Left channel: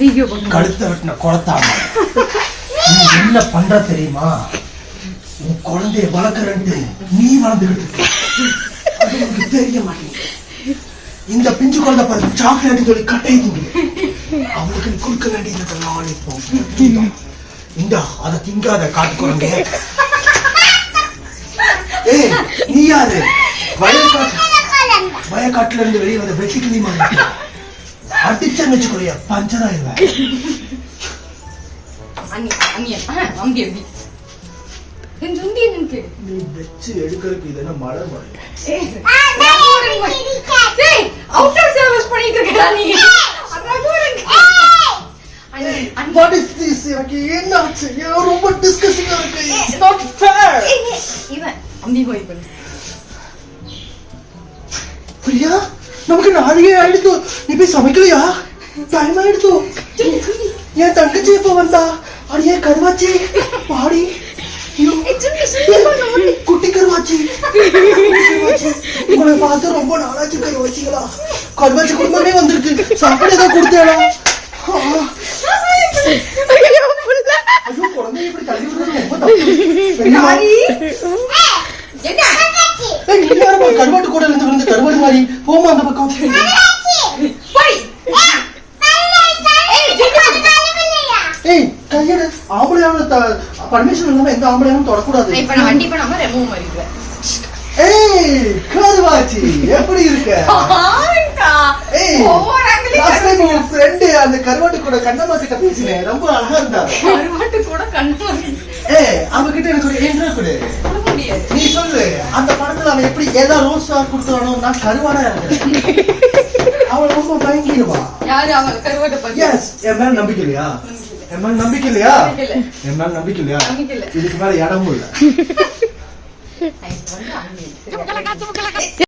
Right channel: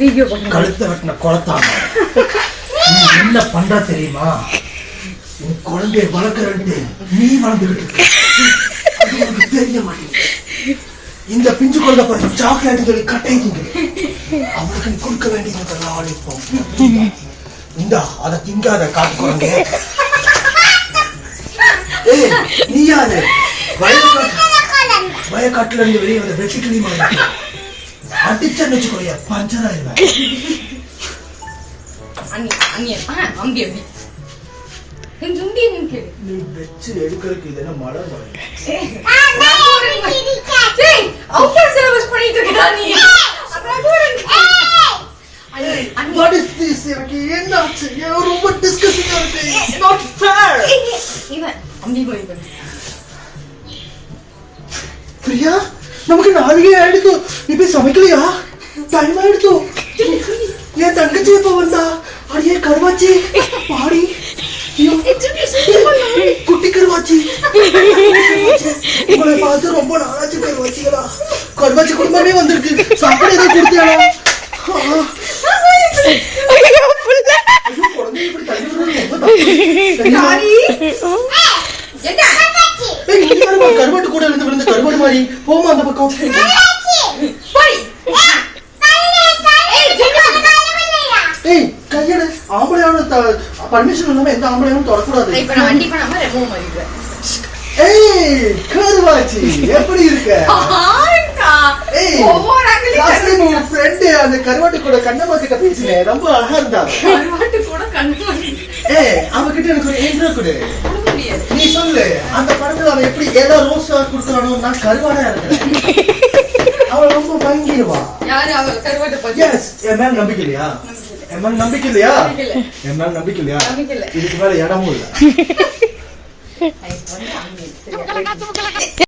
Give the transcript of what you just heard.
Video கழுத்த வெட்டின குளத்தாம நீ என்ன பண்ற தெரியுமா? உன் குழந்தைய வளர்க்கறன்ட்டு நீ வாழ்ந்துகிட்டு இருக்க. அது உனக்கு தெரிய மாட்டேங்குது. இந்த பிஞ்சு குழந்தை பாரு சாக்லேட் சொல்லி கட்டையை திங்குது. அவளுக்கு நீ கொடுக்க வேண்டியதெல்லாம் அழைப்போம். இந்தா அதை திங்காத காட்டு குழந்தை. ஏய் நீ யாரு? வயக்காட்டுல இருந்து வெளியே வர வெட்டி கிளீமா அடிச்சன்னு வச்சுக்கொள்ளைய பஞ்சராயிருவேன். நீ வச்சு எடுக்கிறதுக்கு இது என்ன மலர் மரம்? What is this? எனக்கு என்ன ஆச்சு? ரொம்ப டிஸ்கஷனா இருக்கு. It's not fair. பிரியா நமக்கு நாளையே ஆயிடுத்து. நீ போய் சமைக்கலையா? டைம் ஆயிடுத்து. என் தங்கச்சி எப்ப வந்தா? அடியே கருவாச்சி பாடி குட்டி கருவாச்சி. உங்களை பார்த்து ரொம்ப நாளாச்சு கருவாச்சிகளா. கருவாச்சி குடும்பமே வந்திருக்கு. சாப்பாடு ஏதாவது கொடுத்தேனா? கருவாட்டு கூட இருந்து விழுந்து கருவாடு மாதிரி போமா அந்த பக்கம். ஏய் கையெடு. ஆம்பளையான பர்மிஷன் இல்லாம எந்த ஆம்பளையாவும் தொடக்கூடாது. ஏய் கருவாச்சி எப்படி இருக்க? ஏய் லாஸ்ட் டைம் உங்க ஃப்ரெண்ட் அந்த கருவாட்டு கூட கண்ணம்மா கிட்ட பேசினே ரொம்ப அழகா இருந்தா. கருவாட்டு கூட கண்ணம்மா. ஏய் அவங்க கிட்ட எனக்கு ஒரு என்ன கொடு. நீ சொல்லு அந்த படத்துல அவன் எப்படி ஏதா ரோஸ் ஸ்டார் கொடுக்கறானோ நான் கருவாடா இருக்கேன். அவன் ரொம்ப பயங்கரவா. யாரு அவ கருவாட்ட பத்தி? எஸ் என் மேல நம்பிக்கை இல்லையா? என் மேல நம்பிக்கை இல்லையா? என் மேல நம்பிக்கை இல்லையா? இதுக்கு மேல இடமும் இல்ல.